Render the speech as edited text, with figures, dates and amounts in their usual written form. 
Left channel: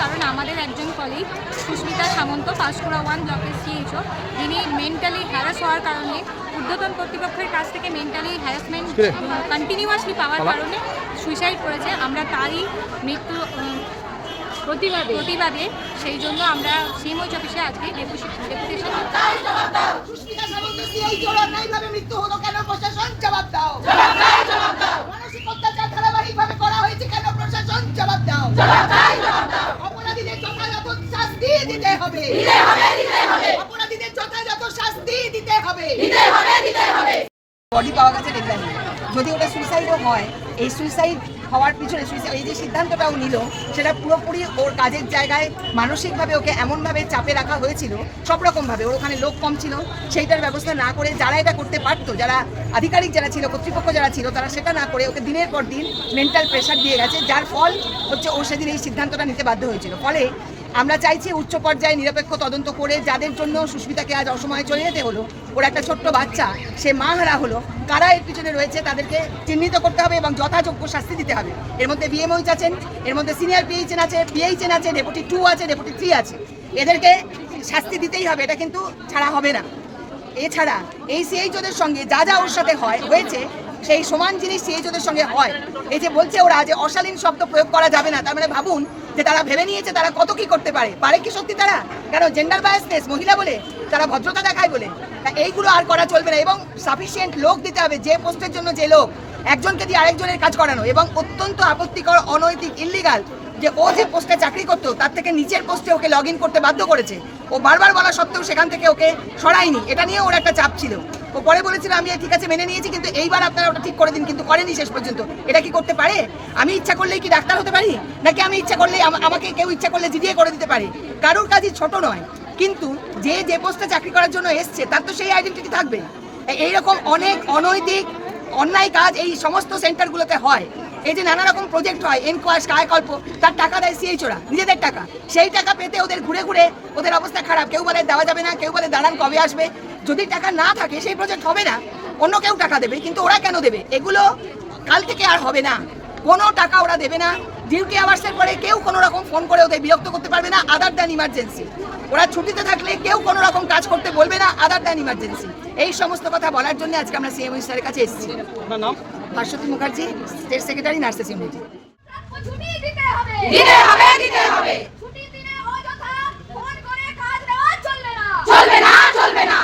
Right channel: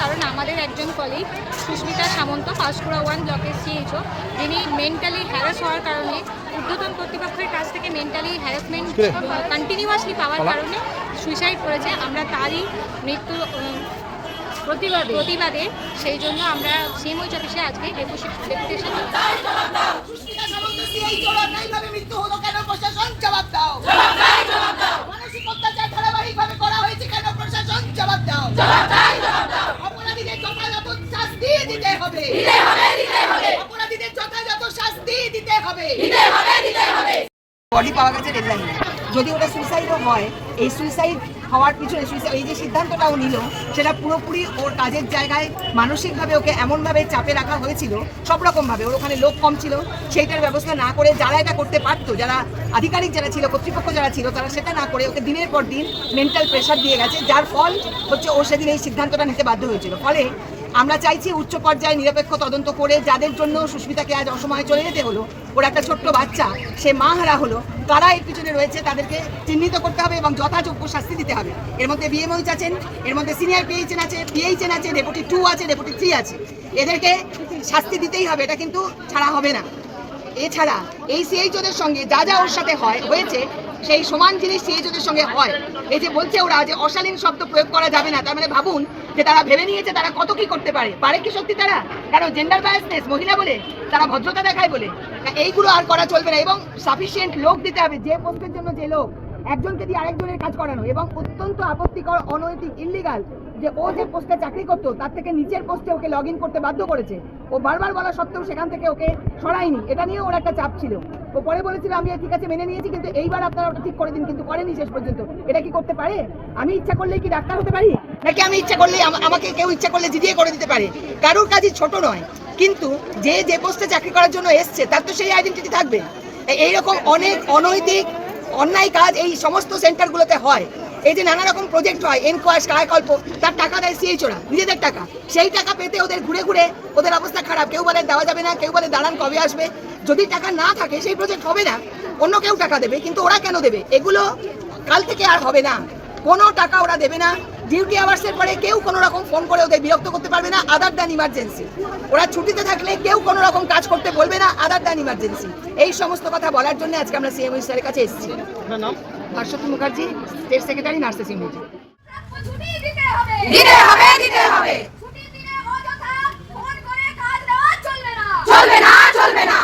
কারণ আমাদের একজন কলিগ সুস্মিতা সামন্ত পাঁশকুড়া 1 ব্লকের সিএইচও, যিনি মেন্টালি হ্যারাস হওয়ার কারণে ঊর্ধ্বতন কর্তৃপক্ষের কাছ থেকে মেন্টালি হ্যারাসমেন্ট কন্টিনিউয়াসলি পাওয়ার কারণে সুইসাইড করেছে। আমরা তারই মৃত্যু প্রতিবাদে সেই জন্য আমরা সিএমওইচ অফিসে আজকে ডেপুটেশন মৃত্যু হলো কেন? প্রশাসন জবাব দাও। মানসিক অত্যাচার ধারাবাহিকভাবে করা হয়েছে কেন? প্রশাসন জবাব দাও। অপরাধীদের যথাযথ শাস্তি দিতে হবে। অপরাধীদের যথাযথ শাস্তি দিতে হবে। বডি পাওয়া গেছে ডেডলাইন। যদি ওটা সুইসাইডও হয়, এই সুইসাইড হওয়ার পিছনে এই যে সিদ্ধান্তটাও নিল সেটা পুরোপুরি ওর কাজের জায়গায় মানসিকভাবে ওকে এমনভাবে চাপে রাখা হয়েছিল, সব রকমভাবে। ওর ওখানে লোক কম ছিল, সেইটার ব্যবস্থা না করে যারা এটা করতে পারতো, যারা আধিকারিক যারা ছিল, কর্তৃপক্ষ যারা ছিল, তারা সেটা না করে ওকে দিনের পর দিন মেন্টাল প্রেশার দিয়ে গেছে, যার ফল হচ্ছে ও সেদিন এই সিদ্ধান্তটা নিতে বাধ্য হয়েছিল। ফলে আমরা চাইছি উচ্চ পর্যায়ে নিরপেক্ষ তদন্ত করে যাদের জন্য সুস্মিতাকে আজ অসময়ে চলে যেতে হলো, ওর একটা ছোট্ট বাচ্চা, সে মা হারা হলো, কারা এর পিছনে রয়েছে তাদেরকে চিহ্নিত করতে হবে এবং যথাযোগ্য শাস্তি দিতে হবে। এর মধ্যে বিএমওইচ আছেন, এর মধ্যে সিনিয়র পিএইচএন আছে, পিএইচএন আছে, ডেপুটি 2 আছে, ডেপুটি 3 আছে। এদেরকে শাস্তি দিতেই হবে, এটা কিন্তু ছাড়া হবে না। এছাড়া এই সিএইচওদের সঙ্গে যা যা ওর সাথে হয়েছে সেই সমান জিনিস সিএইচওদের সঙ্গে হয়। এই যে বলছে ওরা যে অশালীন শব্দ প্রয়োগ করা যাবে না, তার মানে ভাবুন যে তারা ভেবে নিয়েছে তারা কত কি করতে পারে কি সত্যি তারা? কারণ জেন্ডার বায়াসনেস, মহিলা বলে তারা ভদ্রতা দেখায় বলে এইগুলো আর করা চলবে না। এবং সাফিসিয়েন্ট লোক দিতে হবে, যে পোস্টের জন্য যে লোক, একজনকে দিয়ে আরেকজনের কাজ করানো। এবং অত্যন্ত আপত্তিকর, অনৈতিক, ইল্লিগাল যে ও যে পোস্টে চাকরি করতো তার থেকে নিচের পোস্টে ওকে লগ ইন করতে বাধ্য করেছে। ও বারবার বলা সত্ত্বেও সেখান থেকে ওকে সরায়নি, এটা নিয়ে ওর একটা চাপ ছিল। ও পরে বলেছিল আমি ঠিক আছে মেনে নিয়েছি, কিন্তু এইবার আপনারা ওটা ঠিক করে দিন, কিন্তু করেনি শেষ পর্যন্ত। এটা কি করতে পারে? আমি ইচ্ছা করলেই কি ডাক্তার হতে পারি? নাকি আমি ইচ্ছা করলে আমাকে কেউ ইচ্ছা করলে জিডিএ করে দিতে পারে? কারোর কাজই ছোট নয়, কিন্তু যে পোস্টে চাকরি করার জন্য এসছে তার তো সেই আইডেন্টিটি থাকবে। এইরকম অনেক অনৈতিক অন্যায় কাজ এই সমস্ত সেন্টারগুলোতে হয়। এই যে নানা রকম প্রজেক্ট হয়, এনকোয়াশ, কায়াকল্প, তার টাকা দেয় সিএইচওরা, নিজেদের টাকা। সেই টাকা পেতে ওদের ঘুরে ঘুরে ওদের অবস্থা খারাপ। কেউ বলে দেওয়া যাবে না, কেউ বলে দাঁড়ান কবে আসবে। যদি টাকা না থাকে সেই প্রজেক্ট হবে না, অন্য কেউ টাকা দেবে। কিন্তু ওরা কেন দেবে? এগুলো কাল থেকে আর হবে না, কোনো টাকা ওরা দেবে না। ডিউটি আওয়ার্সের পরে কেউ কোনো রকম ফোন করে ওদের বিরক্ত করতে পারবে না, আদার দ্যান ইমার্জেন্সি। ওরা ছুটিতে থাকলে কেউ কোনো রকম কাজ করতে বলবে না, আদার দ্যান ইমার্জেন্সি। এই সমস্ত কথা বলার জন্য আজকে আমরা সিএমওইচ স্যারের কাছে এসেছি। Bhaswati Mukherjee, state secretary, nursing unit. চলবে না।